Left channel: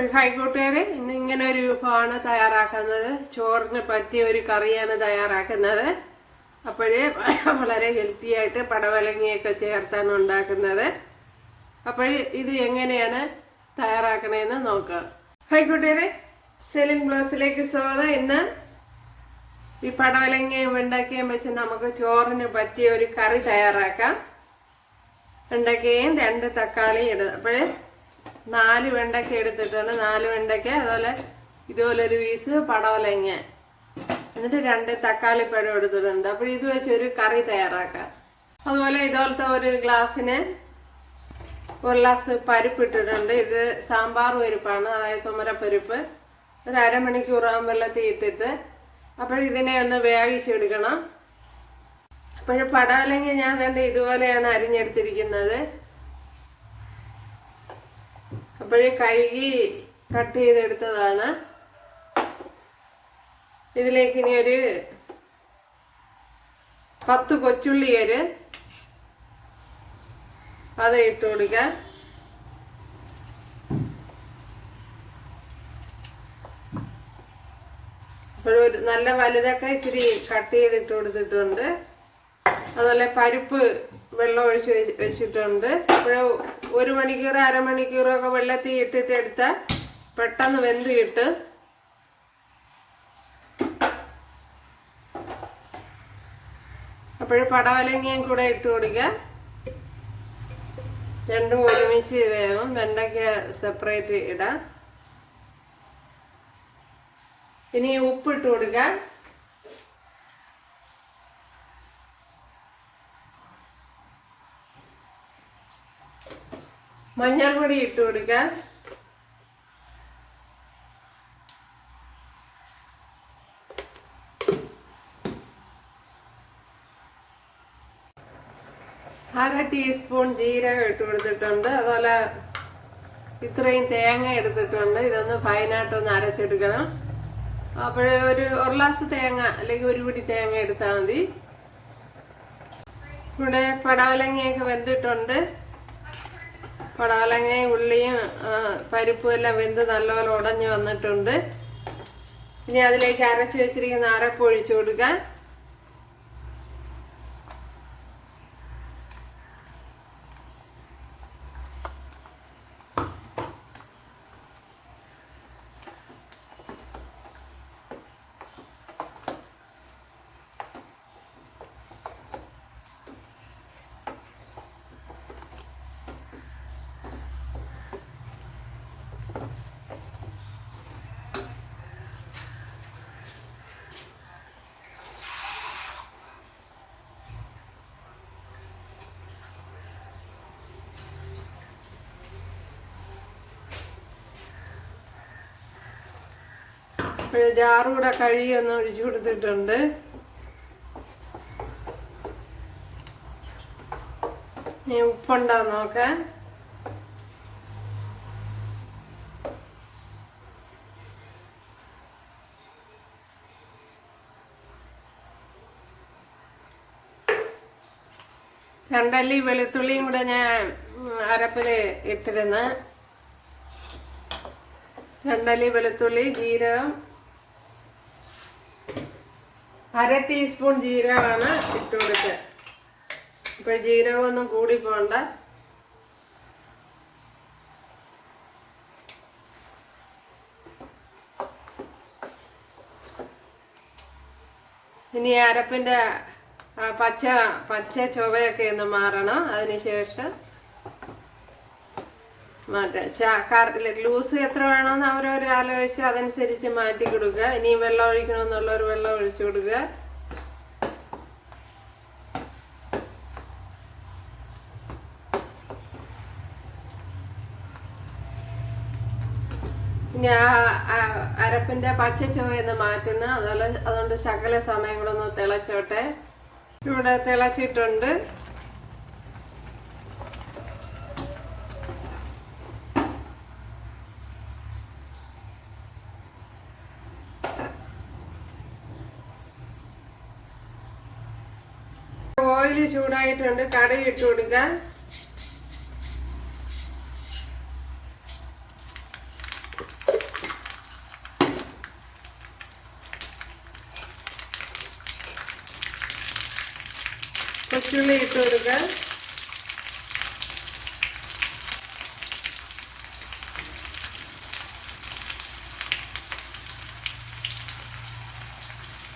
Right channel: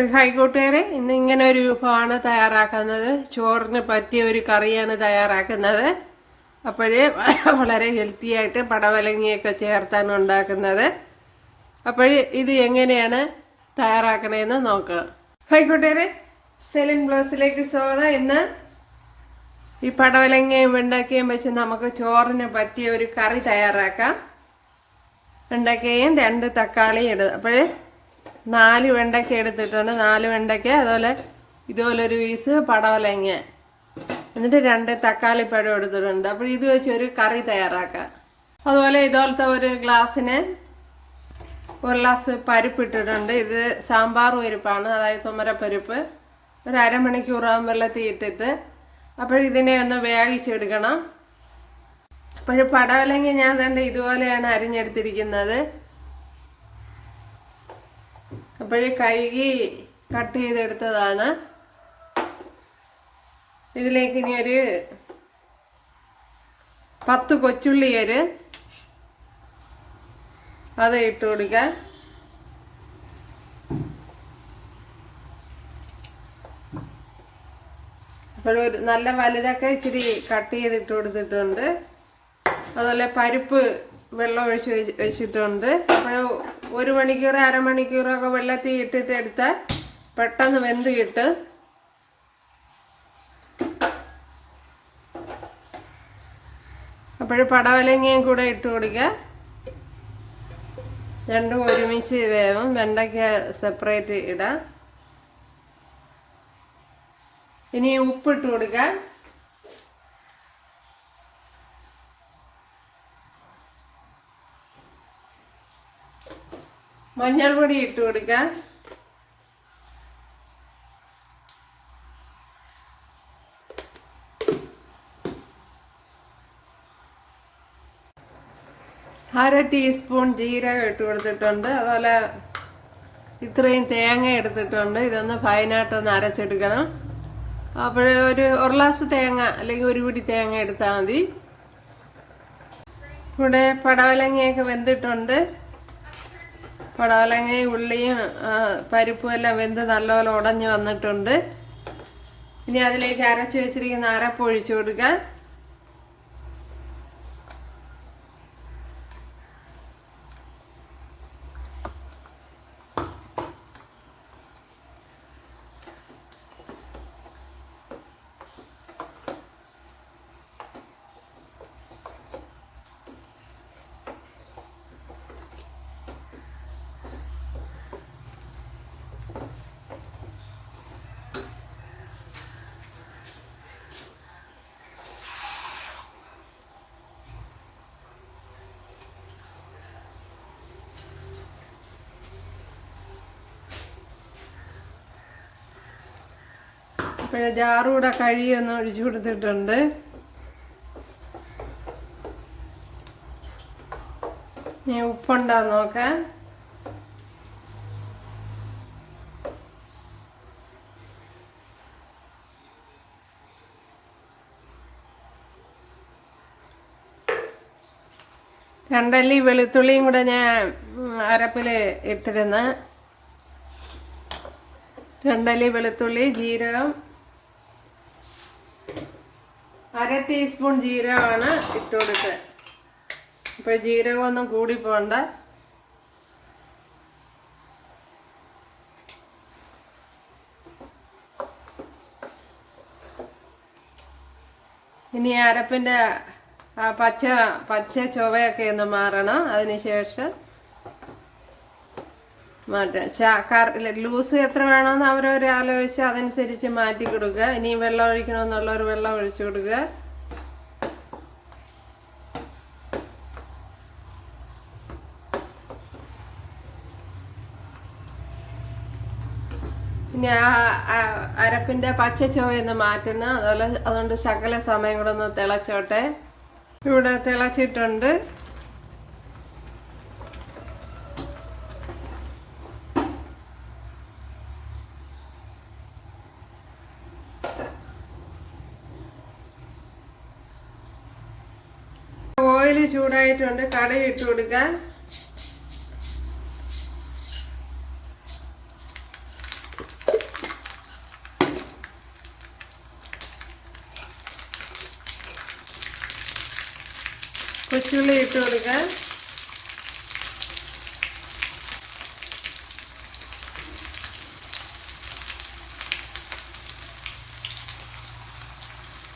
അപ്പോൾ ഹൈക്കോട്ടുകാരെ ഇന്ന് ഇങ്ങനെ ഒരു വിഭവമാണ് തയ്യാറാക്കുന്നത്. ചോറിന് പറ്റിയ ഒരു കറിയാണ് തയ്യാറാക്കുന്നത്. അപ്പോഴേ വളരെ ഹെൽത്തി ആയിട്ട് പടവലങ്ങിയൊക്കെ ചേർത്താണ് ഉണ്ടാക്കുന്നത്. അപ്പോൾ ഇത് എങ്ങനെയാണ് തയ്യാറാക്കണേന്ന് നോക്കുക ഹൈക്കോട്ടുകാരെ സെലിംഗ് ബ്ലൗസിലേക്ക് സ്വാഗതം. ഇന്ന് ഈ പടവലങ്ങയും വെണ്ടക്കയും വെച്ച് നമുക്ക് ചോറിന് പറ്റിയ ഒരു കറി തയ്യാറാക്കാം. വെണ്ടക്കയും രണ്ട് തക്കാളിയും ഇടുക. അപ്പോഴേ നാല് വെണ്ടയ്ക്ക എടുത്തിട്ടുണ്ട്. നാല് വെണ്ടയ്ക്ക അതുപോലെ ഇതുപോലെ ഒരു പീസ് പടവലങ്ങ. എന്നിട്ട് രണ്ട് തക്കാളി പഴം എടുത്തിട്ടുണ്ട്. അപ്പോൾ ഇത് വെച്ച് ഒരു കറി തയ്യാറാക്കാം. അതുപോലെ ഇതുപോലത്തെ ഒരു ഗ്ലാസ്സിന് ഒരു ഗ്ലാസ് പരിപ്പ് ഇട്ടിട്ടുണ്ട്. ഇത് സാമ്പാർ പരിപ്പാണ്. അതായത് തുമരപ്പരിപ്പ്. ഒരു അരമണിക്കൂറാകുമ്പോൾ വെള്ളത്തിൽ ഇട്ടിട്ട്. അപ്പോഴിതിനെ ഒന്ന് വേവിച്ചെടുക്കണം. അപ്പോഴും പടവലങ്ങ ഞാൻ തന്നെ ഇതുപോലെയാണ് അരിഞ്ഞെടുത്തിരിക്കുന്നത്. അപ്പോഴേ കഴുകി കട്ട് ചെയ്തെടുത്തതാണ്. ഇതിലേക്ക് ഇനി ഒരു പത്ത് കൊച്ചുള്ളി ഒരു അത് ഇട്ട് കൊടുക്കാം. അപ്പോഴൊരു നല്ല വലുതൊക്കെ ഇച്ചിരി കട്ട് ചെയ്തിട്ട് കൊടുത്തിട്ടുണ്ട്. അതുപോലെ പരിപ്പ് വെള്ളം ഒഴിച്ച് വെച്ചിട്ടുണ്ട്. അപ്പോൾ ഒരു മണിക്കൂർ അരമണിക്കൂറൊക്കെ വെള്ളത്തിൽ ഇട്ടിട്ട് എടുത്താൽ പെട്ടെന്ന് വെന്ത് കിട്ടും. അപ്പോഴും പടവലങ്ങയും കൂടെ ഇട്ട് കൊടുക്കുക. രണ്ടും ഒരുമിച്ച് വേവും. വെണ്ടയ്ക്ക സെപ്പറേറ്റ് ഇടാം. ഇനി ഉപ്പിട്ട് കൊടുക്കാം. മഞ്ഞൾപ്പൊടി ഇട്ട് കൊടുക്കാം. അര ടീസ്പൂൺ ജീരകം ഇട്ട് കൊടുത്തിട്ടുണ്ട്. അതുപോലെ ഇത്രയും തേങ്ങ എടുത്തിട്ടുണ്ട്. ഇതൊന്ന് ഫൈനായിട്ടൊന്ന് അരച്ചെടുക്കണം. അപ്പോൾ ഒരു ഒരു ഗ്ലാസ് തേങ്ങ അല്ലെങ്കിൽ ഒരു പിടി തേങ്ങ എടുത്താൽ മതി. കൂടെ പടവലങ്ങയൊക്കെ വെന്തിട്ടുണ്ട്. പടവലങ്ങയും ഉള്ളിയും പരിപ്പും എല്ലാം വെന്ത് നല്ലപോലെ ഉടഞ്ഞു വന്നിട്ടുണ്ട്. ഇനി അതിലേക്ക് അരച്ച് വെച്ചിരിക്കുന്ന അരപ്പ് ഒഴിച്ചു പിന്നെ ജാറൂടെ കഴിയൊന്ന് ഒഴിച്ചു കൊടുത്തിട്ടുണ്ട്. നീ ഉപ്പുണ്ടാ നോക്കാം. രണ്ടല്ലി വെളുത്തുള്ളിയും കൂടെ ഞാൻ അരപ്പിൽ ഇട്ടിരുന്ന്. രണ്ടല്ലി വെളുത്തുള്ളി ജീരകം അര ടീസ്പൂൺ ജീരകമാണ് ഇട്ട് കൊടുക്കുക അപ്പൊ ജീരകം ഒന്നും കൂടി പോണ്ട. ഇനി അരപ്പിന്റെ പച്ച പച്ച ചുവയൊക്കെ ഒന്ന് മാറണം. അതിനുശേഷം ലൂസ് എത്ര വേണമെന്ന് അവരവർ ആലോചിച്ച് അതനുസരിച്ച് മാറ്റി കൊടുക്കുക. ഇനിയും വെള്ളം ഒഴിക്കണമെന്നുള്ളവർ വെള്ളം ഒഴിച്ചു കൊടുക്കുക. പിന്നെ അരപ്പിന്റെ പച്ച ചുവയൊന്ന് മാറ്റണം. അതുപോലെ അതുകൊണ്ട് ശകല സമയം കൂടെ ഒന്ന് തിളച്ചോട്ടെ. ഇവിടെ തിളച്ചിട്ടുണ്ട്. ചൂടായിട്ടുണ്ട്. കടയി ഇട്ട് കൊടുക്കുക കൊച്ചുള്ളി ഇട്ട് കൊടുക്കുക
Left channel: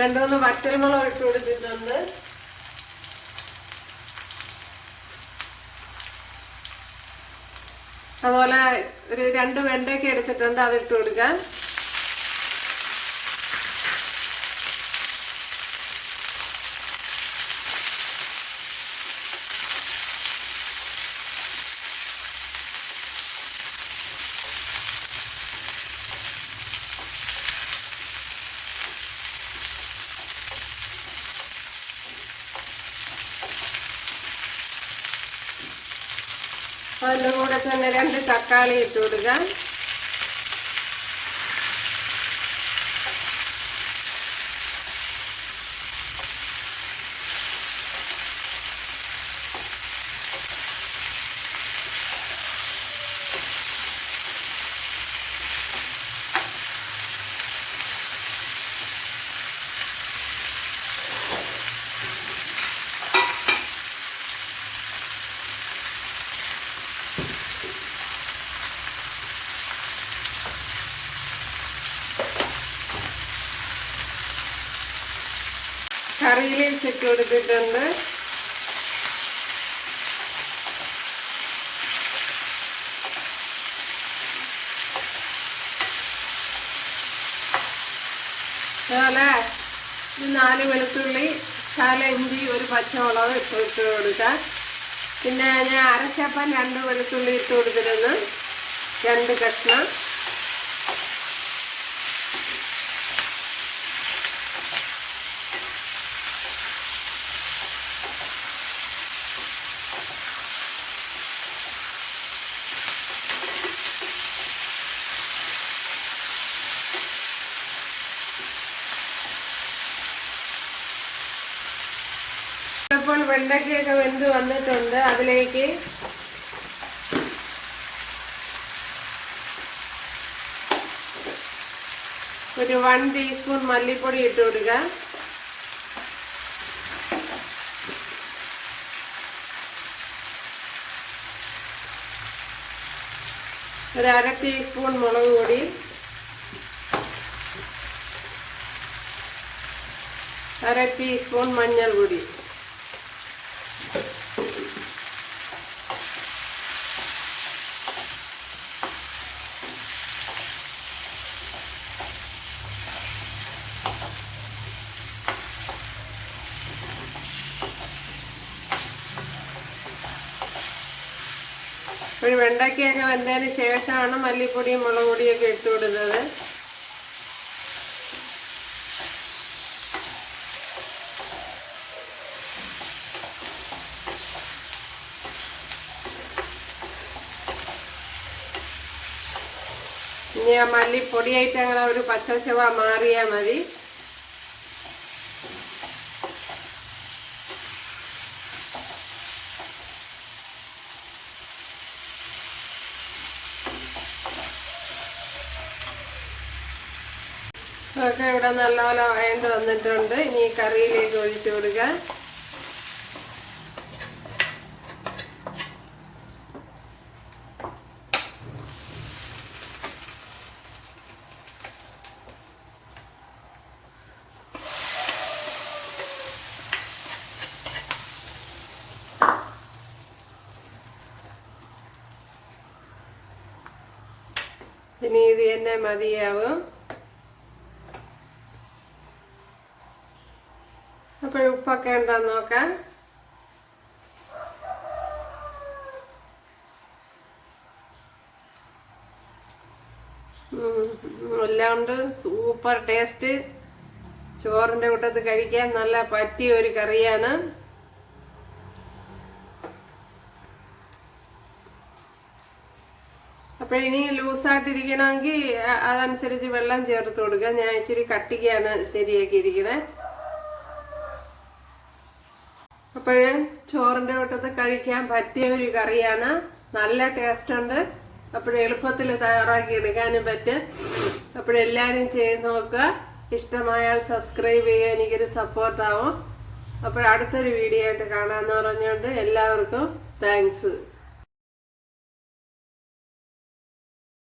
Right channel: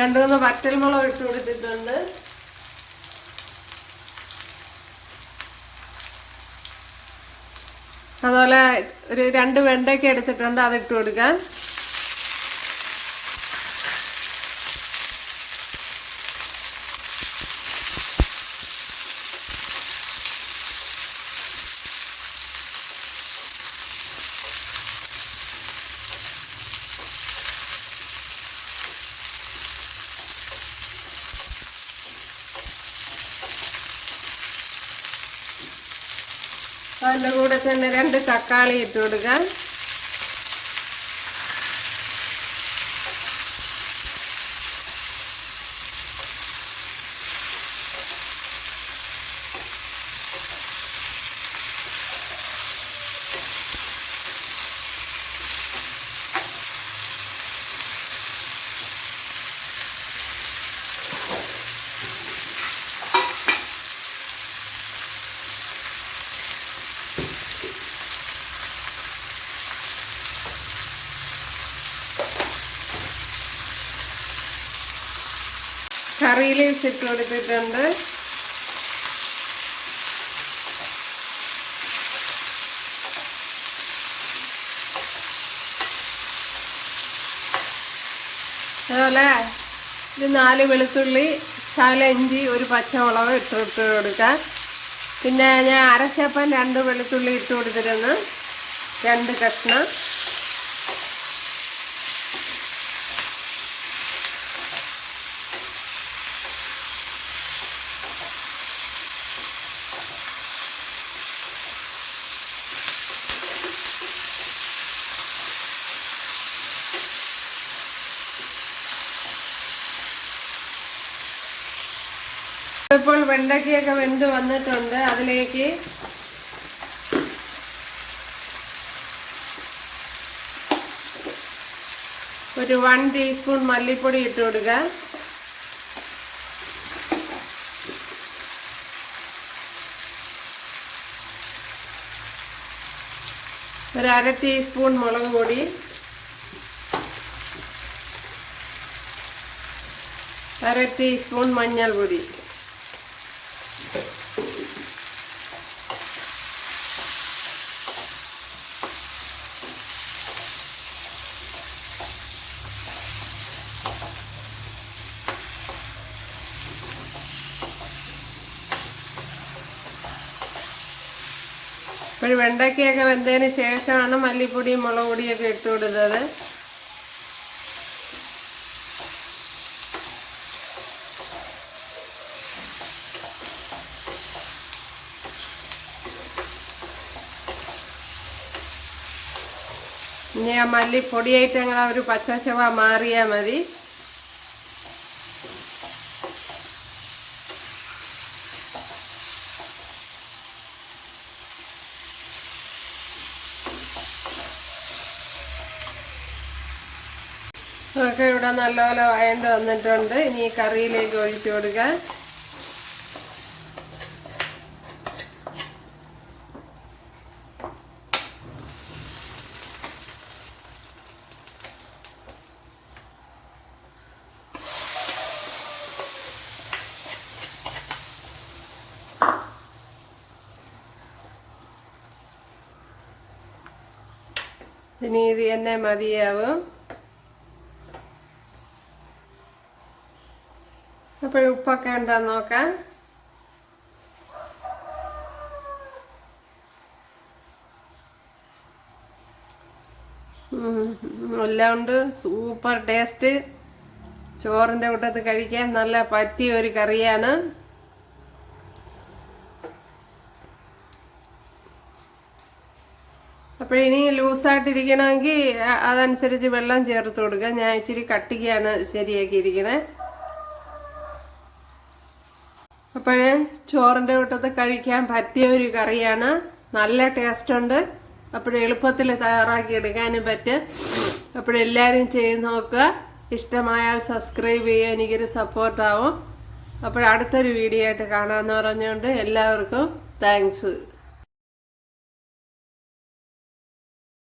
രണ്ടു മൂന്ന് വറ്റൽമുളക് ഇട്ട് കൊടുത്തിട്ടുണ്ട്. അതുപോലെ ഒരു രണ്ട് വെണ്ടയ്ക്ക എടുത്തിട്ടുണ്ട് അതിട്ട് കൊടുക്കാം. അതിന്റെ കൂടെ തന്നെ രണ്ട് തക്കാളി ഇട്ട് കൊടുക്കാം. കറി ലീവ്സ് ഇട്ട് കൊടുത്തിട്ടുണ്ട് അതുപോലെ ഒരു നാല് വെളുത്തുള്ളി ശാല ഇഞ്ചി ഒരു പച്ചമുളക് ഇട്ട് ഇട്ട് കൊടുക്കാം പിന്നെ ഞാൻ അരച്ചപ്പം രണ്ട് വെളുത്തുള്ളി ഇട്ട് കൊടുത്തിരുന്നു രണ്ട് കഷ്ണം ഇപ്പോൾ വെണ്ടയ്ക്കൊക്കെ വെന്ത് വന്നിട്ടുണ്ട്. അതിലേക്ക് ഒരു വൺ ടീസ്പൂൺ മല്ലിപ്പൊടി ഇട്ട് കൊടുക്കുക. ഒരു അര ടീസ്പൂൺ മുളക് പൊടി. അര ടീസ്പൂൺ മഞ്ഞൾപ്പൊടി. ഒരു വെണ്ടയ്ക്കയൊക്കെ വെന്തതിന് ശേഷമാണ് മല്ലിപ്പൊടിയും മുളക് പൊടിയൊക്കെ ഇട്ട് കൊടുത്തത്. ഇനി ആ മല്ലിപ്പൊടിയായിട്ട് അങ്ങനെ ഒരു പച്ച പച്ചച്ചവ മാറിയാൽ മതി. ഇതൊക്കെ ഇവിടെ നല്ലപോലെ വഴണ്ട് വന്നിട്ടുണ്ട്. ഇനി കറിയിലേക്ക് ഒഴിച്ചു കൊടുക്കുക ഇനി ഇത് തന്നെ മതിയാവും. അപ്പോൾ ഉപ്പൊക്കെ ഉണ്ടോ നോക്കാം ഉം, എല്ലാം ഉണ്ട് സൂപ്പർ ടേസ്റ്റ് ചോറിന്റെ കൂട്ടത്ത് കഴിക്കാൻ നല്ല പറ്റിയ ഒരു കറിയാണ്. അപ്പോൾ ഇനി ലൂസായിട്ടിരിക്കണമെങ്കിൽ അതനുസരിച്ച് വെള്ളം ചേർത്ത് കൊടുക്കുക. ഞാൻ ഇച്ചിരി കട്ടിക്കാണ് ശരിയാക്കിയിരിക്കണേ. അപ്പോഴേ ചോറിന്റെ കൂട്ടത്ത് കഴിക്കാൻ പറ്റിയ ഒരു കറിയാണ്. നല്ല ടേസ്റ്റ് ഉണ്ട്. അപ്പോൾ എളുപ്പത്തിൽ തയ്യാറാക്കി എടുക്കാനും പറ്റും അപ്പോഴെല്ലാവരും ചെയ്ത് നോക്കുക. ഇഷ്ടമായാൽ സബ്സ്ക്രൈബ് ചെയ്യുക. എനിക്കൊരു സപ്പോർട്ടാവും അപ്പോൾ അടുത്തൊരു വീഡിയോ ആയിട്ട് കാണാമെന്ന് പറഞ്ഞുകൊണ്ട് എല്ലാവർക്കും താങ്ക്സ്